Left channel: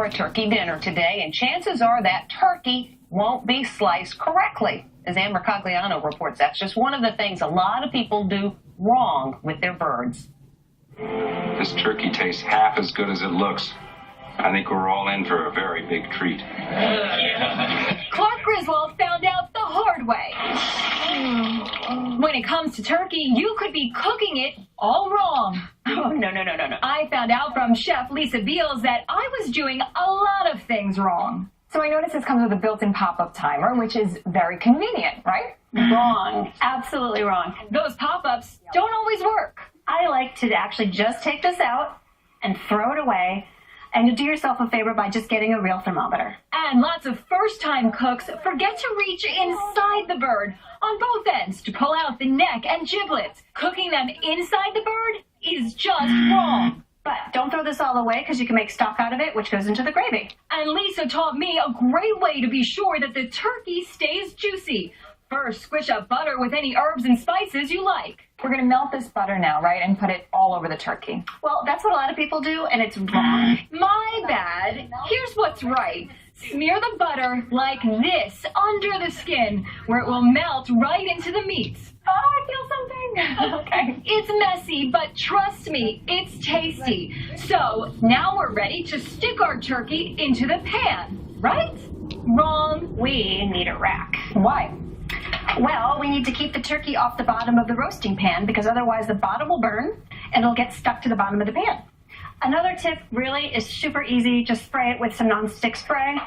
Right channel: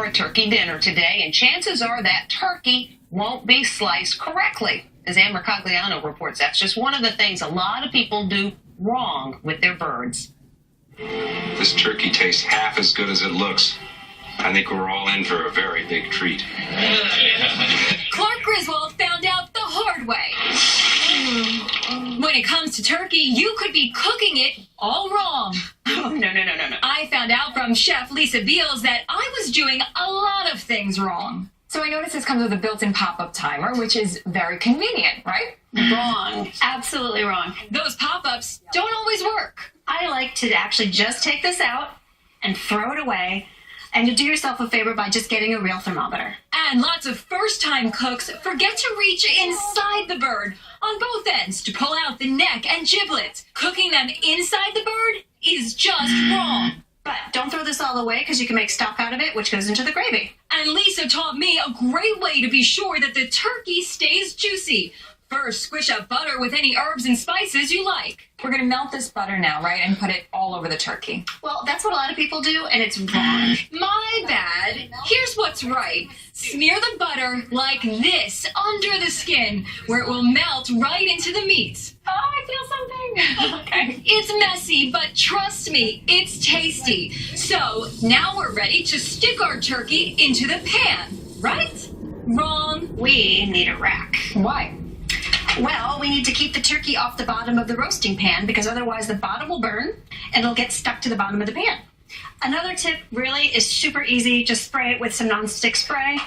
for a turkey dinner today, and chances are that turkey won't be sliced correctly. As Ann Mercogliano reports, that's just one of the things a lot of people do wrong with their birds. This turkey tastes half as good as it looks. I think we're all in for a very big treat. Clark Griswold found out the hard way. When it comes to turkey, you could be cooking it all wrong. Oh, no. I found out from Chef Lisa Beals that I was doing a lot of things wrong. So I noticed this comes with a built-in pop-up timer, which is very convenient, right? Wrong. Absolutely wrong. Those pop-ups don't always work. I like to actually just take this out and throw it away, and you do yourself a favor by just getting a real thermometer. And lots of first-time cooks forget to reach inside the bird on both ends to pull out the neck and giblets. Cooking them inside the bird is just wrong. But don't throw this all away because you can make stock out of it, which goes into the gravy. And Lisa taught me a great way to be sure that the turkey stays juicy. First, squish up butter with any herbs and spices you like. We're going to melt this butter now, right, and put it all over the turkey. Well, that's what a lot of people do, and it's wrong. My bad. Here's what's right. Smear the butter like this under the skin, where it will melt right into the meat. Oh, I feel something. Okay. It's messy, but trust me, it's tasty. So now we're ready to stick our turkey into the pan, right? Wrong. We need a rack. Why? Well, we need to keep the turkey off the bottom of the roasting pan because otherwise the bottom will burn and it'll get stuck to the bottom of the pan. Another tip really is super easy. Just spray it with some nonstick spray.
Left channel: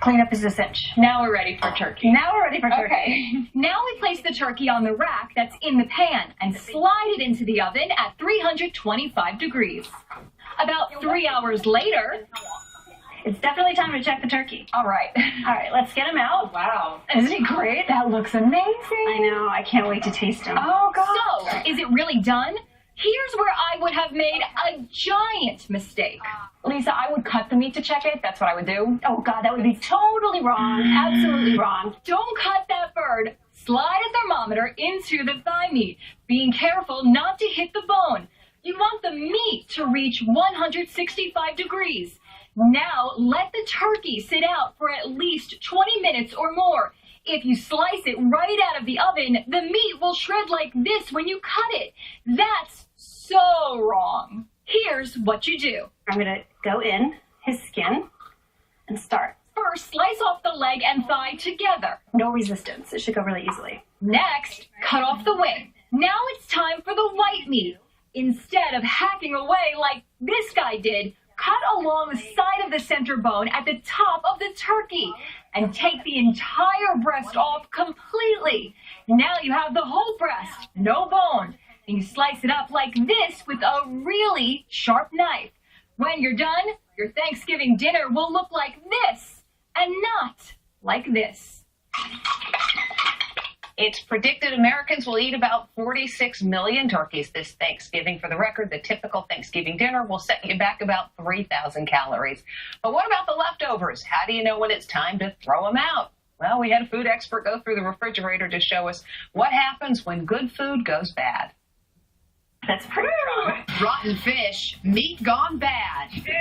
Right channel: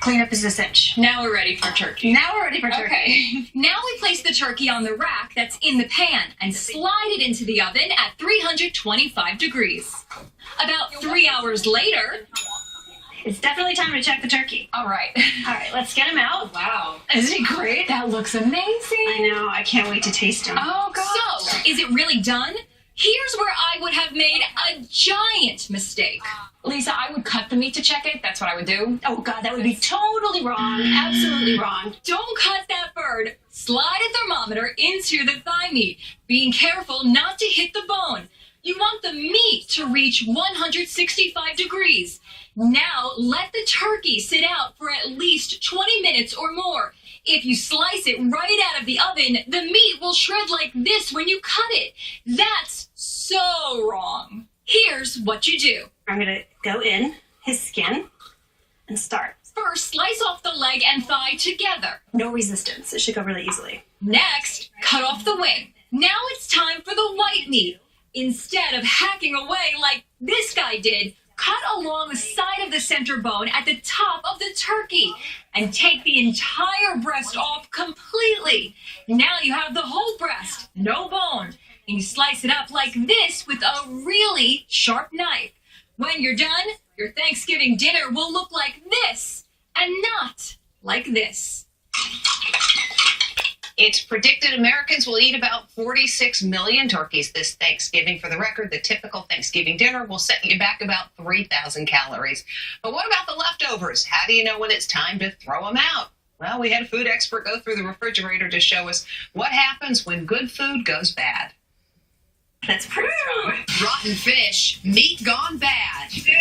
Cleanup is a cinch. Now we're ready for turkey. Now we're ready for turkey. Okay. Now we place the turkey on the rack that's in the pan and slide it into the oven at 325 degrees. About 3 hours later, It's definitely time to check the turkey. All right. All right, let's get him out. wow. Isn't he great? That looks amazing. I know. I can't wait to taste him. Oh, God. So, is it really done? Here's where I would have made a giant mistake. Lisa, I would cut the meat to check it. That's what I would do. Oh, God, that would be totally wrong. Absolutely wrong. Don't cut that bird. Slide a thermometer into the thigh meat, being careful not to hit the bone. You want the meat to reach 165 degrees. Now, let the turkey sit out for at least 20 minutes or more. If you slice it right out of the oven, the meat will shred like this when you cut it. That's so wrong. Here's what you do. I'm going to go in his skin and start. First, slice off the leg and thigh together. No resistance. It should go really easily. Next, cut off the wing. Now it's time for the white meat. Instead of hacking away like this guy did, cut along the side of the center bone at the top of the turkey and take the entire breast off completely. Now you have the whole breast, no bone, and you slice it up like this with a really sharp knife. When you're done, your Thanksgiving dinner will look like this and not like this. It's predicted Americans will eat about 46 million turkeys this Thanksgiving. For the record, the typical Thanksgiving dinner will set you back about 3,000 calories. But what about the leftovers? How do you know when it's time to throw them out? Well, we had a food expert go through the refrigerator to show us what happens when good food goes bad. That's pretty strong. Rotten fish, meat gone bad. Ew!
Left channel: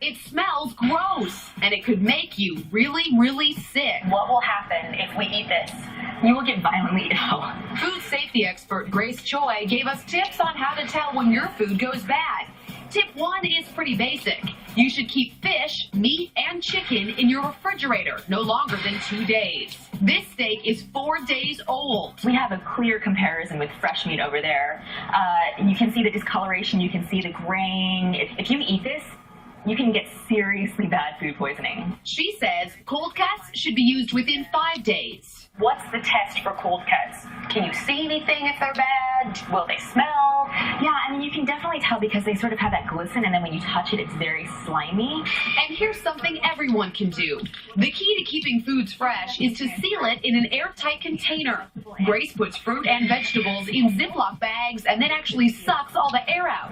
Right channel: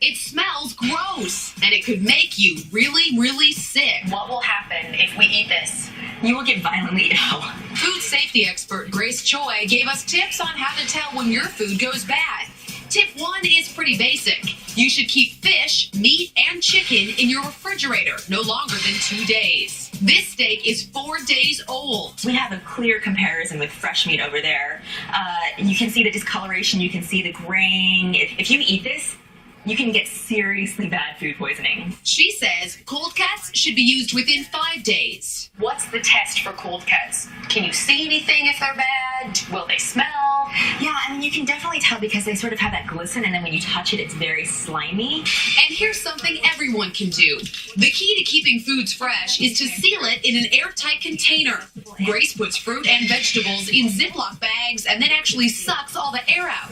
It smells gross, and it could make you really, really sick. What will happen if we eat this? You will get violently ill. Food safety expert Grace Choi gave us tips on how to tell when your food goes bad. Tip 1 is pretty basic. You should keep fish, meat, and chicken in your refrigerator no longer than 2 days. This steak is 4 days old. We have a clear comparison with fresh meat over there. You can see the discoloration, you can see the grain. If you eat this, you can get seriously bad food poisoning. She says cold cuts should be used within 5 days. What's the test for cold cuts? Can you see anything if they're bad? Will they smell? Yeah, I mean, you can definitely tell because they sort of have that glisten, and then when you touch it, it's very slimy. And here's something everyone can do. The key to keeping foods fresh is to seal it in an airtight container. Grace puts fruit and vegetables in Ziploc bags and then actually sucks all the air out.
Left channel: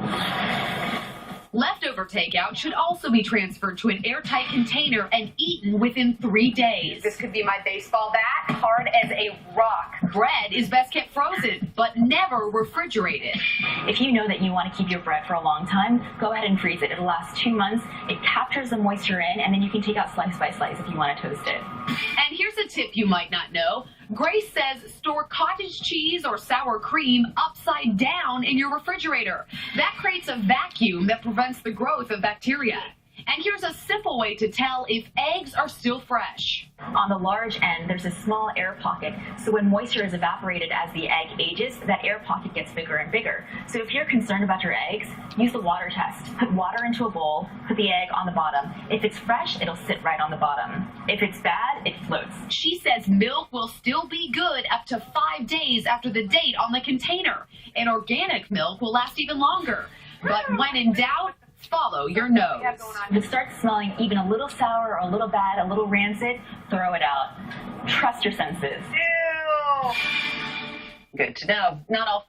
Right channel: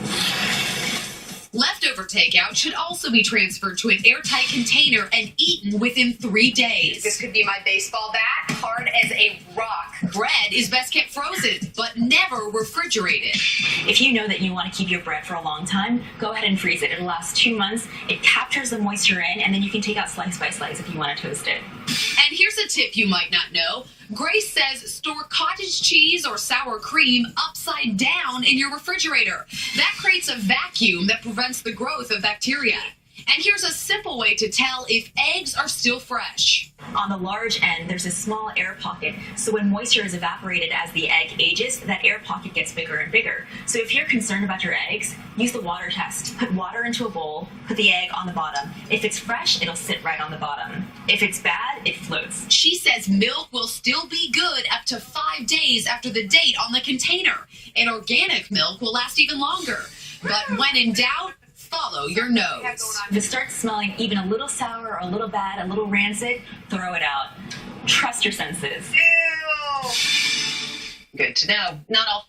Leftover takeout should also be transferred to an airtight container and eaten within 3 days. This could be my baseball bat, hard as a rock. Bread is best kept frozen, but never refrigerated. If you know that you want to keep your bread for a long time, go ahead and freeze it. It'll last 2 months. It captures the moisture in, and then you can take out slice by slice if you want to toast it. And here's a tip you might not know. Grace says store cottage cheese or sour cream upside down in your refrigerator. That creates a vacuum that prevents the growth of bacteria. And here's a simple way to tell if eggs are still fresh. On the large end, there's a small air pocket, so when moisture is evaporated as the egg ages, that air pocket gets bigger and bigger. So if you're concerned about your eggs, use the water test. Put water into a bowl, put the egg on the bottom. If it's fresh, it'll sit right on the bottom. If it's bad, it floats. She says milk will still be good up to 5 days after the date on the container, and organic milk will last even longer. But when in doubt, follow your nose. If it starts smelling even a little sour or a little bad, a little rancid, throw it out. Trust your senses. Good to know. Not all